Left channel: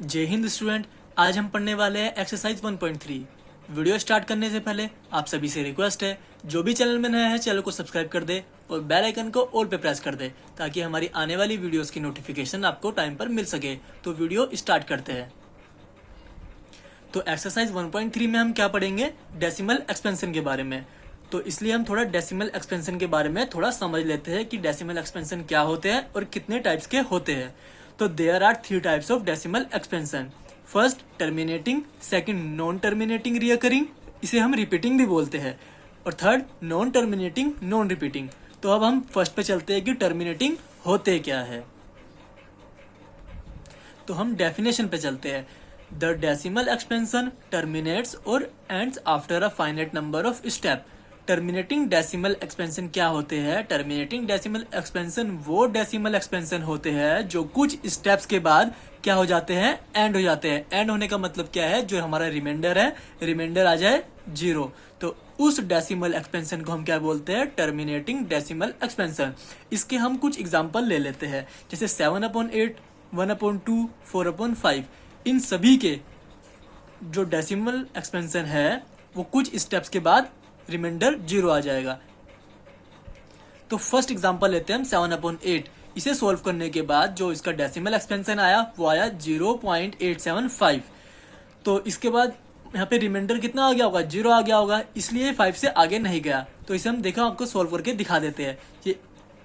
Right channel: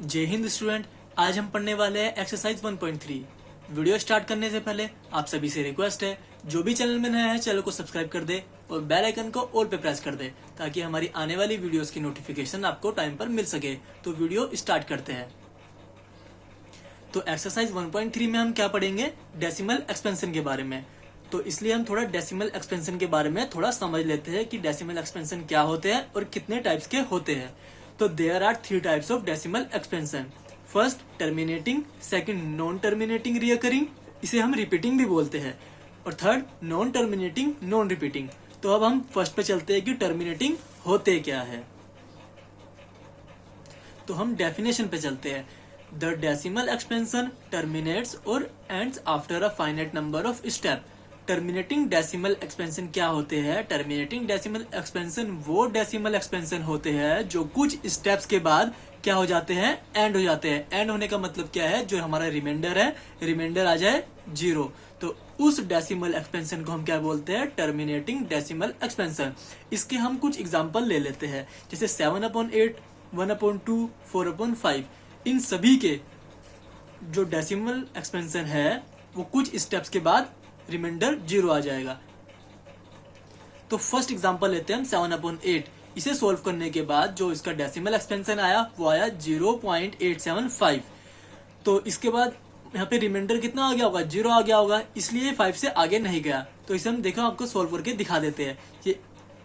जय हिंद स्टूडेंट। आज हम पढ़ने वाले हैं एक्सरसाइज 1.3। वीडियो स्टार्ट करने से पहले आप सभी से रिक्वेस्ट है, जो भी चैनल में नया है चैनल को सब्सक्राइब कर दे और बेल आइकन को ऑल पे प्रेस कर दे ताकि हमारी आने वाली वीडियोस की नोटिफिकेशन आपको टाइम पर मिल सके। तो वीडियो स्टार्ट करते हैं। तो एक्सरसाइज 1.3 में हम क्या पढ़ेंगे? डेसिमल एक्सपेंशन के बारे में। तो इसलिए हम थोड़ा डेसिमल एक्सपेंशन के बारे में थोड़ा समझ लेते हैं कि डेसिमल एक्सपेंशन क्या होते हैं और कितने टाइप्स के होते हैं। तो there are 3 types of decimal expansion. First terminating, second non terminating recurring, इसे हम रिपीटिंग भी बोलते हैं, और third non terminating non repeating. तो अब हम फर्स्ट पे चलते हैं कि टर्मिनेटिंग होते क्या है। तो हम डेफिनेशन पे चलते हैं। द डेसिमल एक्सपेंशन टर्मिनेट्स और ends after a finite number of step. Terminating decimal expansion क्या होते हैं? टर्मिनेटिंग डेसिमल एक्सपेंशन वो डेसिमल एक्सपेंशन होते हैं जो कुछ स्टेप्स के बाद क्या हो जाते हैं? एंड हो जाते हैं। एंड होने का मतलब क्या है? जो हमारा रिमाइंडर है, रिमाइंडर आ जाए 0। तो उस डेसिमल एक्सपेंशन को हम क्या बोलते हैं? Terminating decimal expansion. इसके हम कुछ एग्जांपल ले लेते हैं, जैसे 7/8, 1/2, 4/5। इन सभी के जो डेसिमल एक्सपेंशन है वो कुछ स्टेप्स के बाद रिमाइंडर 0 आ जाएगा। तो फर्स्ट एग्जांपल लेते हैं हम 7/8। इसे सॉल्व करने के बाद जो इसका डेसिमल एक्सपेंशन आया वो आया 0.875। तो इसके बाद यहाँ पे रिमाइंडर कितना आ गया होगा? 0 आ गया होगा, इसलिए 5 से आगे नहीं गया। तो इसे हम देखो आपको सॉल्व करके दिखा देते हैं। ये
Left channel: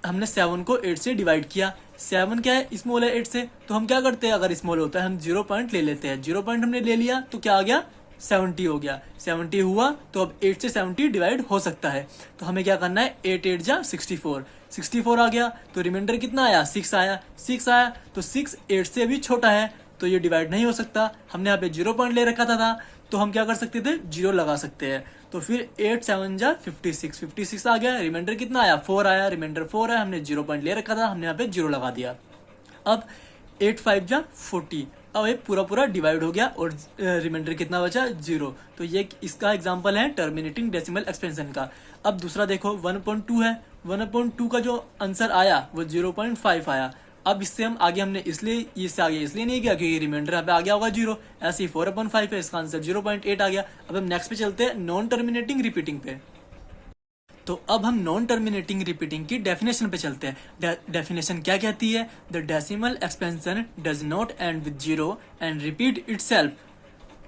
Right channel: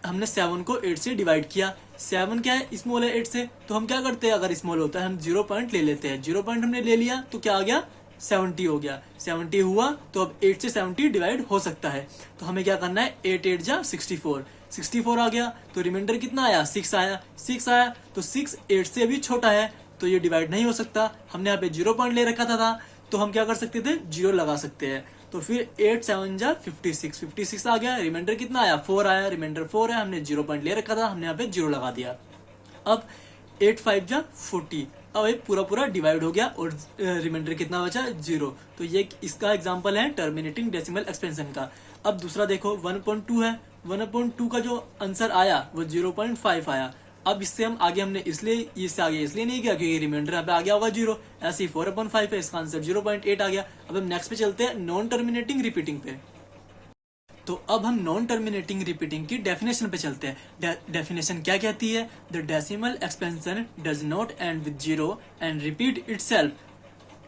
हमने 7 को 8 से डिवाइड किया। 7 क्या है? स्मॉल है 8 से, तो हम क्या करते हैं? अगर स्मॉल होता है हम 0 पॉइंट ले लेते हैं। 0 पॉइंट हमने ले लिया तो क्या आ गया? 70 हो गया। 70 हुआ तो अब 8 से 70 डिवाइड हो सकता है। तो हमें क्या करना है? 8 8 जा 64। 64 आ गया तो रिमाइंडर कितना आया? 6 आया। 6 आया तो 6 8 से भी छोटा है तो ये डिवाइड नहीं हो सकता। हमने यहाँ पे 0 पॉइंट ले रखा था तो हम क्या कर सकते थे? 0 लगा सकते हैं। तो फिर 8 7 जा 56। 56 आ गया। रिमाइंडर कितना आया? 4 आया। रिमाइंडर 4 है, हमने 0 पॉइंट ले रखा था, हमने यहाँ पे 0 लगा दिया। अब 8 5 जा 40। अब ये पूरा डिवाइड हो गया और रिमाइंडर कितना बचा? 0। तो ये इसका एग्जांपल है टर्मिनेटिंग डेसिमल एक्सपेंशन का। अब दूसरा देखो 1/2 है। 1/2 का जो आंसर आया वो 0.5 आया। अब इससे हम आगे हमने इससे आगे इसलिए नहीं गया क्योंकि रिमाइंडर यहाँ पे आ गया होगा 0। ऐसे ही 4/5 है, इसका आंसर 0.8 आ गया। अब हम नेक्स्ट पे चलते हैं नॉन टर्मिनेटिंग रिपीटिंग पे। तो अब हम नॉन टर्मिनेटिंग रिपीटिंग की डेफिनेशन पे चलते हैं। डेफिनेशन क्या कहती है? The decimal expansion does not and with 0 and repeat itself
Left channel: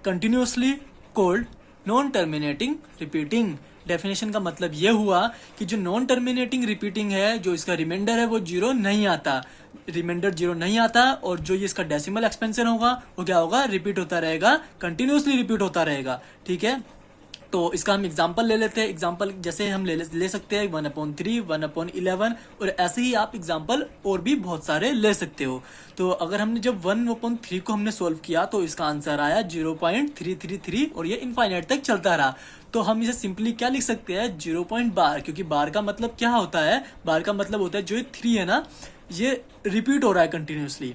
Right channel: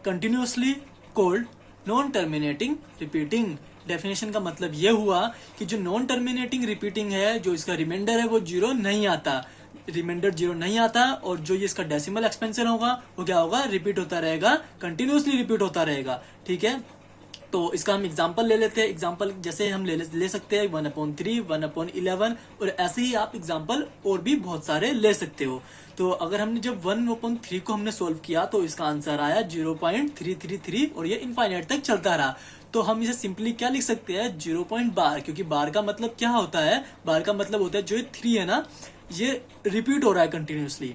continuously called non terminating repeating. Definition का मतलब ये हुआ कि जो नॉन टर्मिनेटिंग रिपीटिंग है, जो इसका रिमाइंडर है वो 0 नहीं आता, रिमाइंडर 0 नहीं आता, और जो ये इसका डेसिमल एक्सपेंशन होगा वो क्या होगा? रिपीट होता रहेगा, कंटिन्यूअसली रिपीट होता रहेगा। ठीक है, तो इसका हम एग्जांपल ले लेते हैं। एग्जांपल जैसे हम ले सकते हैं 1/3, 1/11, और ऐसे ही आप एग्जांपल और भी बहुत सारे ले सकते हो। तो अगर हमने जब 1/3 को हमने सोल्व किया तो इसका आंसर आया 0.333 और ये इनफाइनाइट तक चलता रहा। तो हम इसे सिंपली क्या लिख सकते हैं? 0 बार, क्योंकि बार का मतलब क्या होता है? बार का मतलब होता है जो 3 है ना, ये रिपीट हो रहा है कंटिन्यूसली।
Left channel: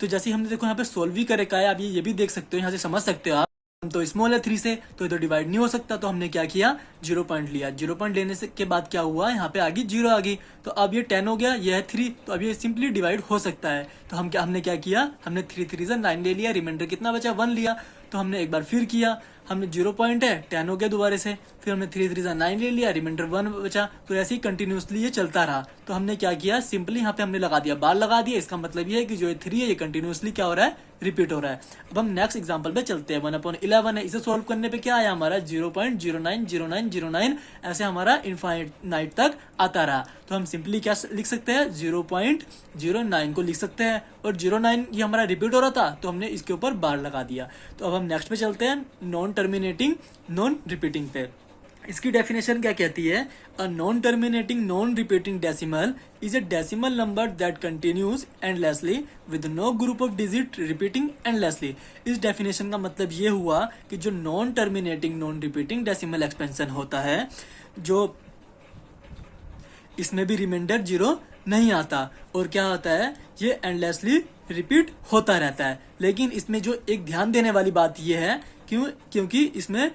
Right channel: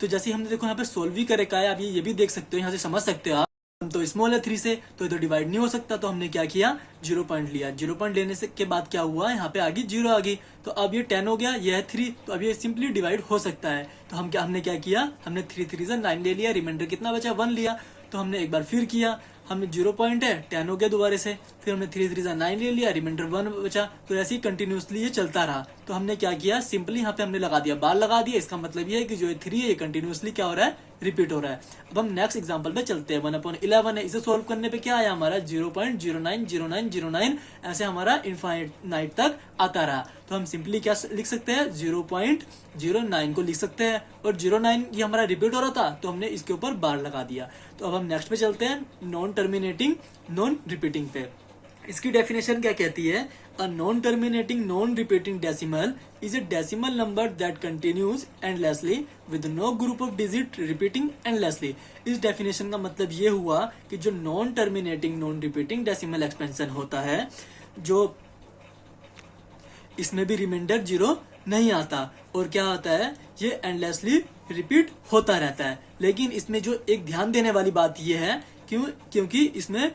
तो जैसे हमने देखो यहाँ पे सोल्व भी करे का है, आप ये भी देख सकते हो, यहाँ से समझ सकते हो आप। तो स्मॉल है 3 से तो ये तो डिवाइड नहीं हो सकता, तो हमने क्या किया? 0 पॉइंट लिया। 0 पॉइंट लेने से के बाद क्या हुआ? यहाँ पे आ गई 0 आ गई। तो अब ये 10 हो गया, ये है 3, तो अब ये सिंपली डिवाइड हो सकता है। तो हमने क्या किया? हमने 3 3 से 9 ले लिया, रिमाइंडर कितना बचा? 1 लिया। तो हमने एक बार फिर किया, हमने 0 पॉइंट है 10 हो गया दोबारा से, फिर हमने 3 3 से 9 ले लिया, रिमाइंडर 1 बचा। तो ऐसे ही कंटिन्यूसली ये चलता रहा। तो हमने क्या किया? सिंपली यहाँ पे हमने लगा दिया, बार लगा दिया। इसका मतलब ये है कि जो 3 है ये कंटिन्यूसली क्या हो रहा है? रिपीट हो रहा है। अब हम नेक्स्ट एग्जांपल पे चलते हैं। 1/11 है, इसे सोल्व करने पे क्या आया हमारा? 0.090909। ऐसे हमारा इनफाइनाइट तक आता रहा। तो हम सिंपली क्या लिख सकते हैं? 0.09 को लिख सकते हैं, और 09 ये हमारा रिपीट हो रहा था तो हमने इसके ऊपर बार लगा दिया। तो अब हम नेक्स्ट पे चलते हैं नॉन टर्मिनेटिंग नॉन रिपीटिंग पे। इसकी डेफिनेशन क्या कहती है? A non terminating non repeating decimal is a decimal number that continues endlessly with no group of digit repeating endlessly. इस डेफिनेशन का मतलब ये हुआ कि जो non terminating non repeating decimal expansion होता है, जो इसमें भी रिमाइंडर 0 नहीं आता, और क्या होता है? ये एंडलेसली रिपीट होता रहता है। लेकिन इसमें जो एक ध्यान देने वाली बात यह है क्योंकि इसमें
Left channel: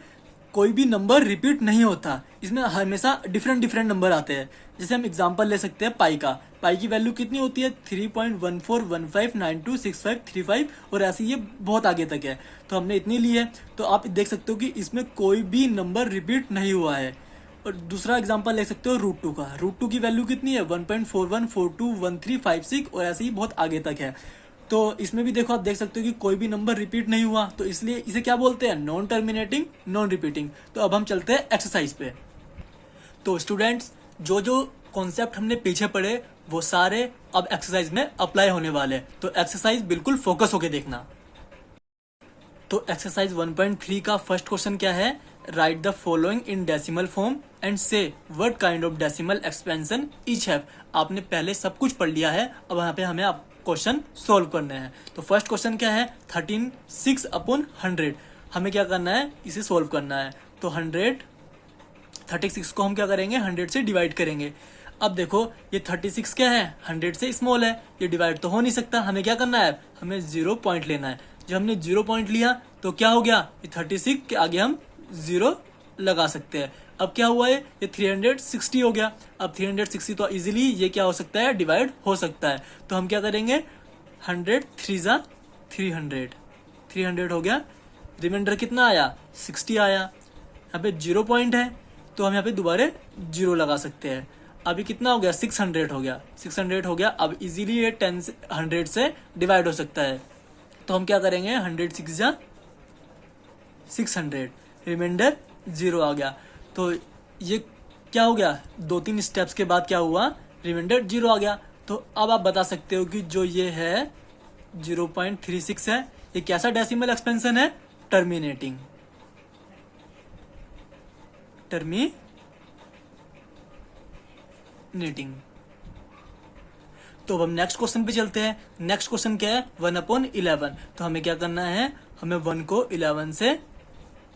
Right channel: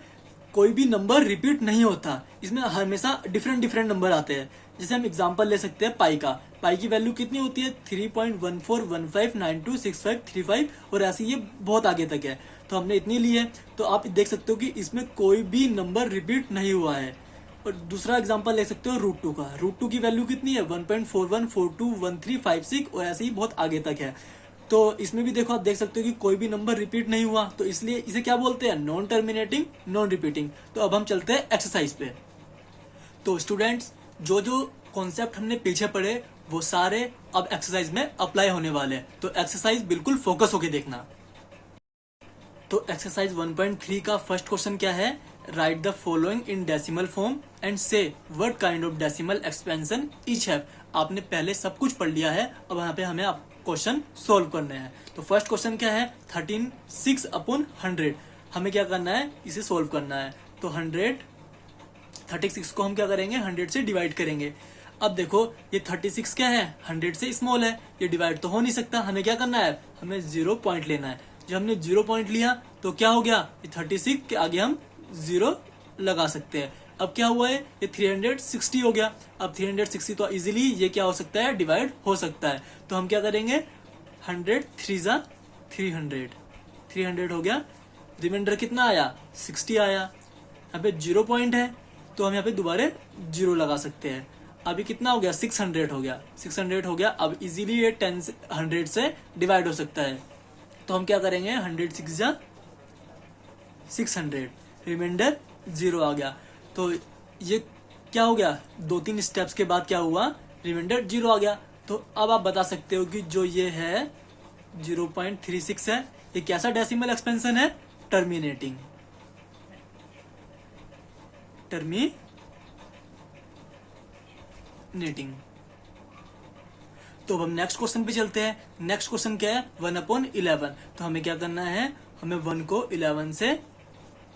कोई भी नंबर रिपीट नहीं होता, इसमें हमेशा डिफरेंट डिफरेंट नंबर आते हैं। जैसे हम एग्जांपल ले सकते हैं पाई का। पाई की वैल्यू कितनी होती है 3.1415926535 और ऐसे ये बहुत आगे तक है, तो हमने इतनी ली है। तो आप देख सकते हो कि इसमें कोई भी नंबर रिपीट नहीं हुआ है। और दूसरा एग्जांपल ले सकते हो रूट 2 का। रूट 2 की वैल्यू कितनी है 1.41421356 और ऐसे ही बहुत आगे तक है। तो इसमें भी देखो, आप देख सकते हो कि कोई भी नंबर रिपीट नहीं हुआ, तो इसलिए इसे क्या बोलते हैं, नॉन टर्मिनेटिंग नॉन रिपीटिंग। तो अब हम चलते हैं एक्सरसाइज पे। तो स्टूडेंट्स, जो जो कॉन्सेप्ट हमने पीछे पढ़े वो सारे अब एक्सरसाइज में अप्लाई होने वाले हैं, तो एक्सरसाइज बिल्कुल फोकस होके देखना। तो एक्सरसाइज 1.3 का फर्स्ट क्वेश्चन क्या है, write the following in decimal form and say what kind of decimal expansion each have. आपने पहले सब कुछ पढ़ लिया है, अब यहाँ पे हमें क्वेश्चन सोल्व करने हैं। तो फर्स्ट क्वेश्चन क्या है 13/6/100। हमें क्या करना है, इसे सोल्व करना है। तो 36 को हम क्या करेंगे 100 से डिवाइड करेंगे। अब देखो ये 36 क्या है 100 से स्मॉल है, ये डिवाइड तो हो नहीं सकता। हमें क्या करना है, हमें 0 पॉइंट लेना है। जब हमने 0 पॉइंट लिया तो क्या हो गया, ये 36 के आगे हम 0 लगा सकते हैं। अब क्या हुआ है, ये 360 हो गया। अब 360 तो इजीली ये क्या हो सकता है, डिवाइड हो सकता है। तो हम क्या करेंगे 100 3 300 हो गया। रिमाइंडर कितना आया 60 आया। यहाँ पे 0 पॉइंट है तो हम यहाँ पे दोबारा 0 लगा सकते हैं। अभी कितना हो गया 600 हो गया, 600 हो गया। अब इजीली ये 100 से डिवाइड हो सकता है। तो हम क्या करेंगे 100 6 600, रिमाइंडर 0 आ गया। तो ये क्या हो गया, 2-3 स्टेप्स के बाद क्या हुआ, रिमाइंडर 0 आ गया। तो अब आप बता सकते हो कि जो ये है 0.36 है, ये कैसा डेसिमल एक्सपेंशन है, टर्मिनेटिंग टर्मिनेटिंग। तो अब हम नेक्स्ट क्वेश्चन पे चलते हैं। नेक्स्ट क्वेश्चन क्या है 1/11। तो हमें क्या करना है, हमें 1 को 11 से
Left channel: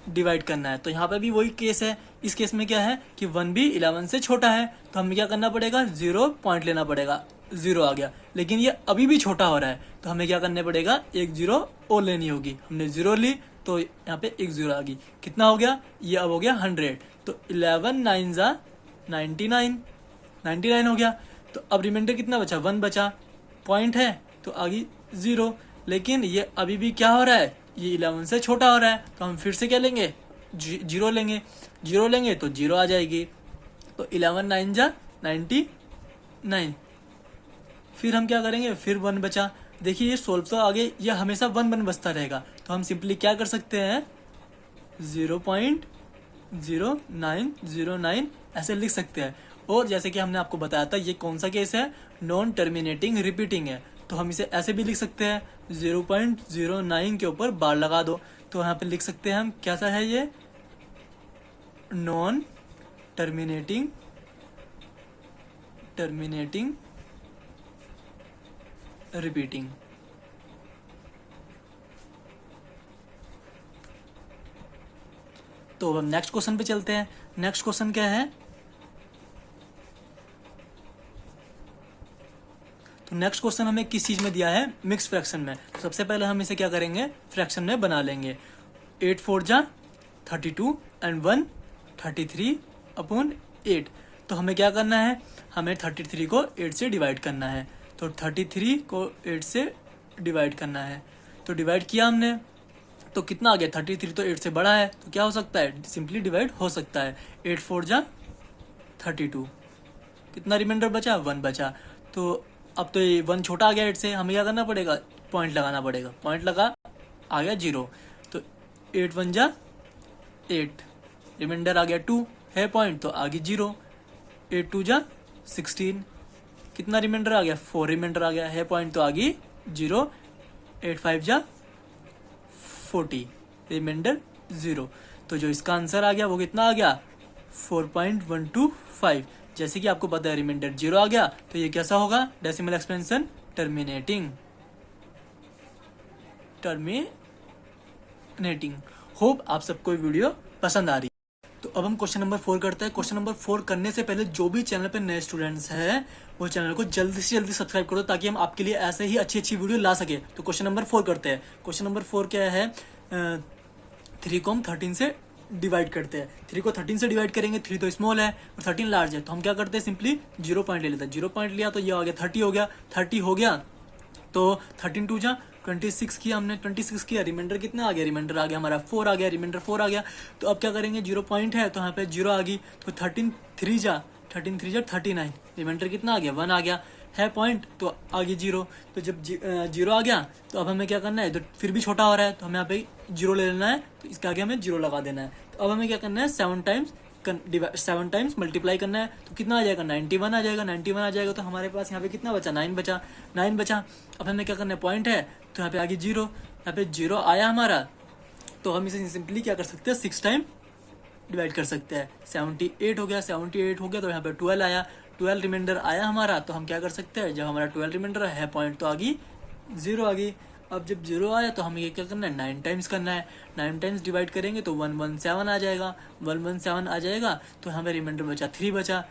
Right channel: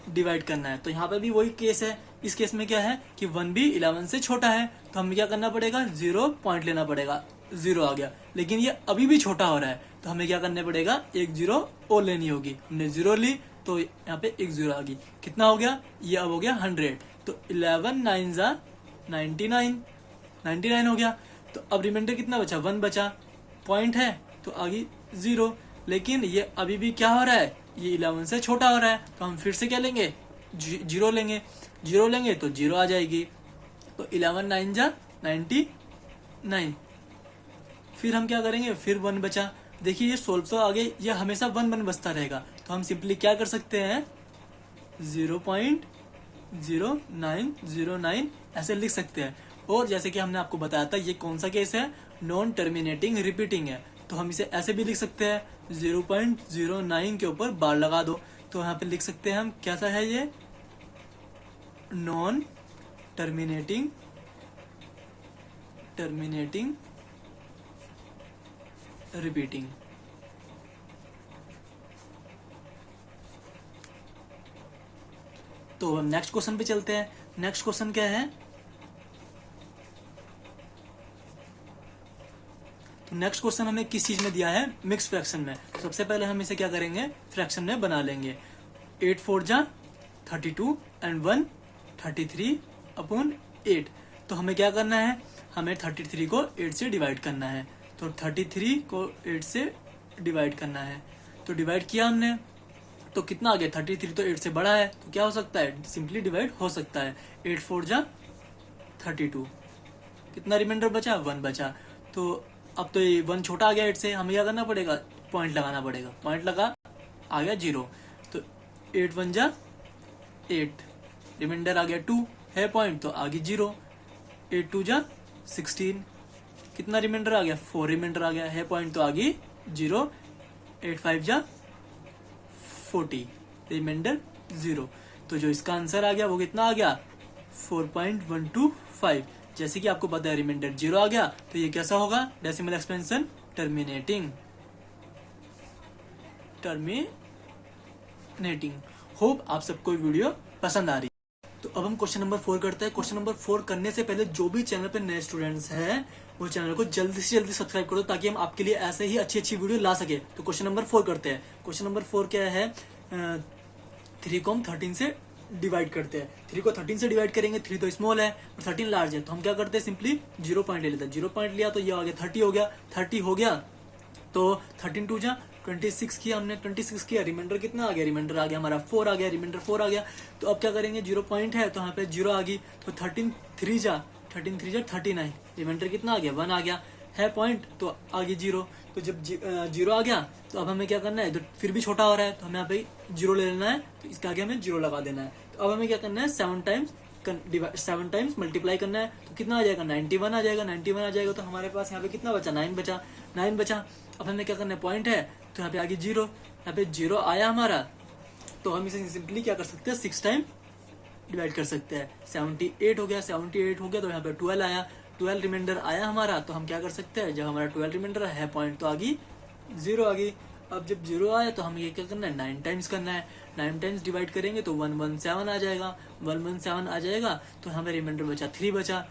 डिवाइड करना है। तो यहाँ पे भी वही केस है। इस केस में क्या है कि 1 भी 11 से छोटा है, तो हमें क्या करना पड़ेगा 0 पॉइंट लेना पड़ेगा। 0 आ गया, लेकिन ये अभी भी छोटा हो रहा है, तो हमें क्या करना पड़ेगा, एक 0 और लेनी होगी। हमने 0 ली तो यहाँ पे एक 0 आ गई। कितना हो गया, ये अब हो गया 100। तो 11 9 99 हो गया। तो अब रिमाइंडर कितना बचा, 1 बचा। पॉइंट है तो आगे 0, लेकिन ये अभी भी क्या हो रहा है, ये 11 से छोटा हो रहा है। तो हम फिर से क्या लेंगे, 0 लेंगे। 0 लेंगे तो 0 आ जाएगी। तो 11 9 99। फिर हम क्या करेंगे, फिर 1 बचा। देखिए ये सोल्व तो आगे ये हमेशा 1 बचता रहेगा। तो हम सिंपली क्या कर सकते हैं 0.0909 ऐसे लिख सकते हैं। और जैसे कि हमने आपको बताया था ये कौन सा केस है, नॉन टर्मिनेटिंग रिपीटिंग है। तो हम इसे ऐसे भी लिख सकते हैं 0.09 के ऊपर बार लगा दो। तो यहाँ पे लिख सकते हैं हम कैसा है, ये नॉन टर्मिनेटिंग रिपीटिंग। तो हम नेक्स्ट क्वेश्चन पे चलते हैं। नेक्स्ट क्वेश्चन क्या है, तो नेक्स्ट क्वेश्चन हमें किस चीज में दिया है, मिक्स फ्रैक्शन में। सबसे पहले हम इसे क्या करेंगे, फ्रैक्शन में बना लेंगे। 8 4 32 एंड 1 33/8। तो हमें क्या करना है, हमें 33 को 8 से डिवाइड करना है। तो 33 को 8 से डिवाइड करना है। तो डिवाइड किया हमने तो कितना आ गया, 33 तो 8 से बड़ा है, तो क्या हो सकता है, सिंपली डिवाइड हो सकता है। 8 4 32, कितना रिमाइंडर बचा, 1 बचा। तो अब तो ये 1 छोटा आ गया 8 से, हमें क्या करना पड़ेगा, पॉइंट लगाना पड़ेगा। पॉइंट लगा, आ गया 0। तो 8 1 8, रिमाइंडर आ गया 2 है पॉइंट, तो आगे 0। 8 2 16, कितना रिमाइंडर आ गया, 4 रिमाइंडर आ गया है पॉइंट, तो आगे 0। 8 5 40, रिमाइंडर 0। तो जो इसका आंसर आ गया वो कितना आ गया 4.125। जैसे कि आपको पता है रिमाइंडर 0 आ गया, तो ये कैसा होगा, डेसिमल एक्सपेंशन टर्मिनेटिंग। होप आप सबको वीडियो पसंद आ रही। तो अब हम क्वेश्चन नंबर 4 करते हैं। क्वेश्चन नंबर 4 करने से पहले जो भी चैनल पे नए स्टूडेंट्स हैं वो चैनल को जल्दी से जल्दी सब्सक्राइब करो, ताकि हम आपके लिए ऐसे ही अच्छी अच्छी वीडियो ला सके। तो क्वेश्चन नंबर 4 करते हैं। क्वेश्चन नंबर 4 क्या है, 3 को हम 13 से डिवाइड करते हैं। 3 को 13 से डिवाइड करेंगे, 3 तो स्मॉल है और 13 लार्ज है, तो हम क्या करते हैं सिंपली 0 पॉइंट ले लेते हैं। 0 पॉइंट लिया तो ये आ गया 30 हो गया। 30 हो गया तो 13 टू जा 26 किया हमने, 26 किया, रिमाइंडर कितना आ गया, रिमाइंडर आ गया हमारा 4 आ गया, रिमाइंडर 4 आ गया। तो अब क्या करेंगे, 0 पॉइंट है तो यहाँ पे 0 आ गई, तो 13 3 जा 39, रिमाइंडर कितना आ गया 1 आ गया है पॉइंट, तो आगे 0। तो जब 0 आ गया तो अब हमें क्या करना है, तो फिर भी छोटा हो रहा है तो हमें यहाँ पे 0 ले लेना है, तो इसके आगे हमें 0 लगा देना है। तो अब हमें क्या करना है 7 टाइम्स मल्टीप्लाई करना है, तो कितना आ जाएगा 91 आ जाएगा। 91 आ जाएगा तो हमारे पास यहाँ पे कितना बचा 9 बचा। अब हमें क्या करना है, पॉइंट है तो यहाँ पे आगे 0, यहाँ पे 0 आया हमारा, तो हम इसे सिंपली क्या कर सकते हैं 6 टाइम डिवाइड कर सकते हैं। 78 हो गया, 78 हो गया तो यहाँ पे 12 आया, 12 रिमाइंडर आया हमारा, तो हम क्या कर सकते हैं, जब हमारा 12 रिमाइंडर है पॉइंट तो आगे 0 आ गई। अब जब 0 आया तो हमें ये क्या करना है 9 टाइम्स करना है। 9 टाइम्स डिवाइड करेंगे तो 117 आ जाएगा, 117 आ जाएगा, तो हमें रिमाइंडर बचा 3 बचा,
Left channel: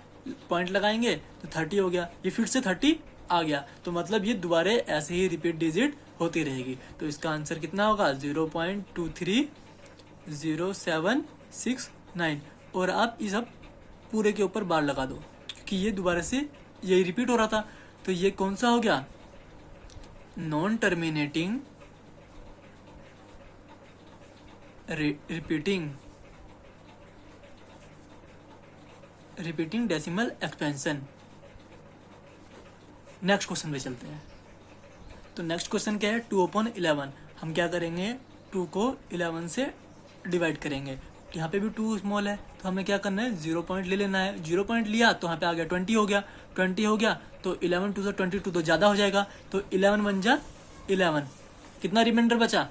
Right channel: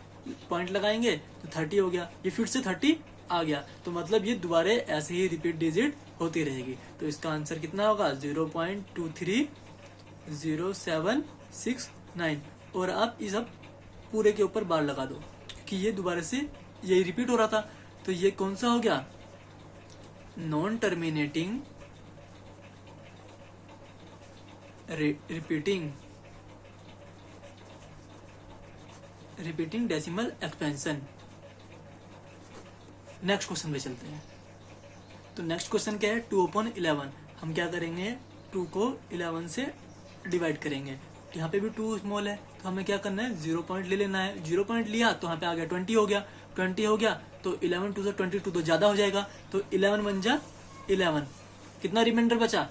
पॉइंट लगाएंगे तो 30 हो गया, ये फिर से 30 आ गया। तो मतलब ये दोबारा ऐसे ही रिपीट डिजिट होती रहेगी। तो इसका आंसर कितना होगा 0.230769। और आप इस सब पूरे के ऊपर बार लगा दो कि ये दोबारा से यही रिपीट हो रहा था। तो ये कौन सा हो गया, non terminating repeating decimal expansion. Next question पे चलते हैं। तो नेक्स्ट क्वेश्चन क्या है, 2/11। हम क्या करेंगे, 2 को 11 से डिवाइड करेंगे, तो यहाँ पे भी 2 स्मॉल है, तो हमें क्या करना है 0 पॉइंट ले लेना है। 0 पॉइंट लिया तो यहाँ पे आ गया 20 हो गया, 20 हो गया तो 11 टू 22 तो ज्यादा हो जाएगा, तो 11 बन जा 11, कितना रिमाइंडर बचा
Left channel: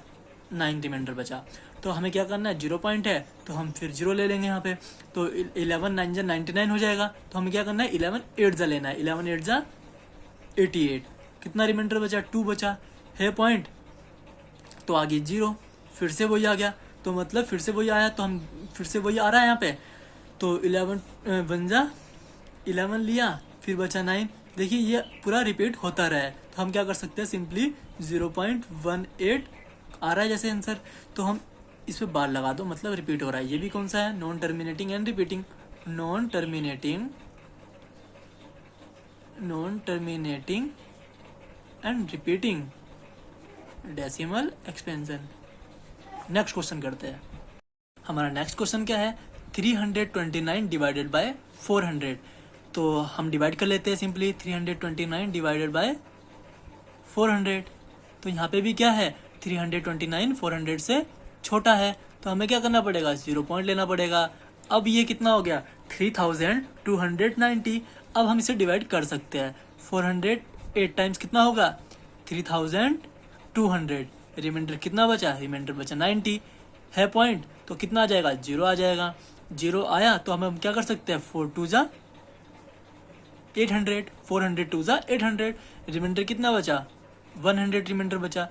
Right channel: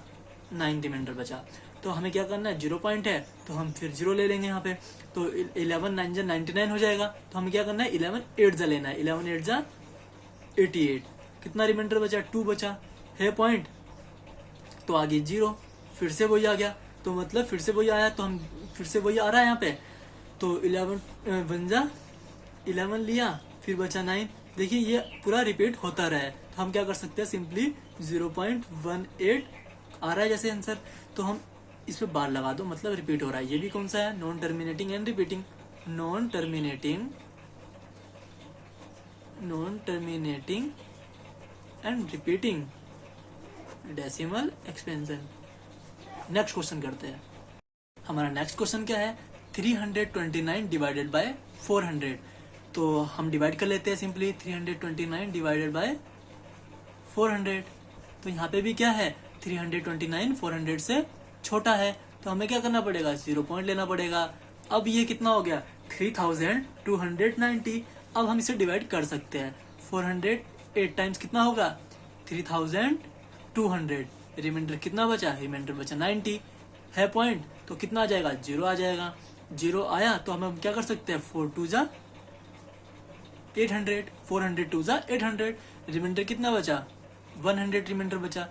9 रिमाइंडर बचा। तो हमें क्या करना है, 0 पॉइंट है तो हम फिर 0 ले लेंगे यहाँ पे, तो 11 9 जा 99 हो जाएगा। तो हमें क्या करना है 11 8 जा लेना है, 11 8 जा 88, कितना रिमाइंडर बचा 2 बचा है पॉइंट, तो आगे 0, फिर से वही आ गया, तो मतलब फिर से वही आया, तो हम फिर से वही आ रहा है यहाँ पे, तो 11 बन जा 11 लिया, फिर बचा 9। देखिए ये पूरा रिपीट होता रहा है, तो हम क्या कर सकते हैं सिंपली 0.18 आ रहा है जैसे आंसर, तो हम इस पे बार लगा दो, मतलब रिपीट हो रहा है। ये भी कौन सा है, non terminating and repeating, non terminating and repeating decimal expansion. Next question करते हैं। हमारा नेक्स्ट क्वेश्चन क्या है, 329 डिवाइडेड बाय 400। तो हम डिवाइड कर लेते हैं सिंपली, 329 डिवाइडेड बाय 400। तो यहाँ पे भी क्या है, 329 400 से छोटा है, तो हमें क्या करना पड़ेगा 0 पॉइंट लेना पड़ेगा। अब ये कितना हो गया 3290। अब हम इसे डिवाइड कर सकते हैं, 400 8 टाइम्स कितना होगा 3200, रिमाइंडर कितना बचा, रिमाइंडर बचा 90 है पॉइंट, तो कितना आ जाएगा 0 आ जाएगा। 0 आया तो हम क्या कर सकते हैं 4 2 जा 800, 400 2 जा 800, रिमाइंडर कितना बचा 100 रिमाइंडर बचा।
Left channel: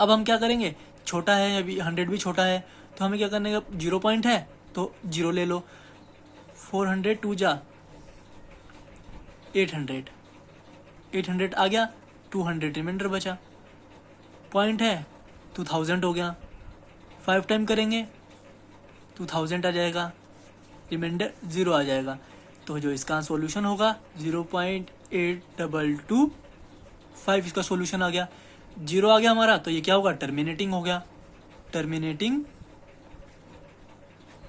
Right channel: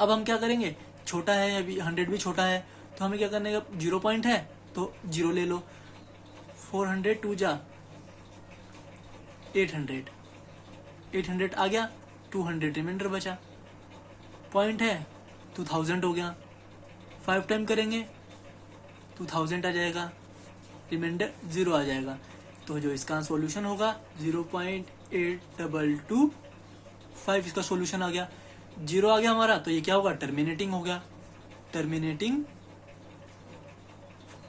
अब हम क्या करेंगे, छोटा है अभी 100 भी छोटा है, तो हमें क्या करने का 0 पॉइंट है तो 0 ले लो, 400 2 जा 800, 800 आ गया, 200 रिमाइंडर बचा, पॉइंट है 2000 हो गया, 5 टाइम करेंगे 2000 आ जाएगा, रिमाइंडर 0 आ जाएगा। तो जो इसका सॉल्यूशन होगा 0.8225 इसका सॉल्यूशन आ गया। 0 आ गया हमारा, तो ये क्या होगा टर्मिनेटिंग हो गया, टर्मिनेटिंग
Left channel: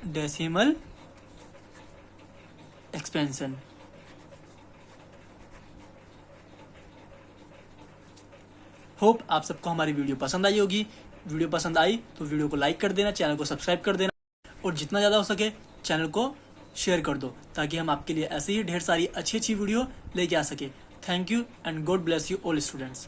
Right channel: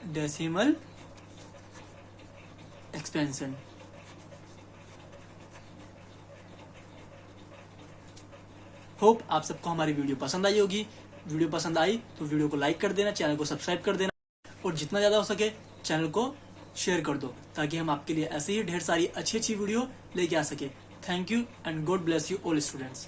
डेसिमल एक्सपेंशन। होप आप सबको हमारी वीडियो पसंद आई होगी। वीडियो पसंद आई तो वीडियो को लाइक कर देना, चैनल को सब्सक्राइब कर देना, और जितना ज़्यादा हो सके चैनल को शेयर कर दो, ताकि हम आपके लिए ऐसे ही ढेर सारी अच्छी अच्छी वीडियो लेके आ सके। Thank you and God bless you all students.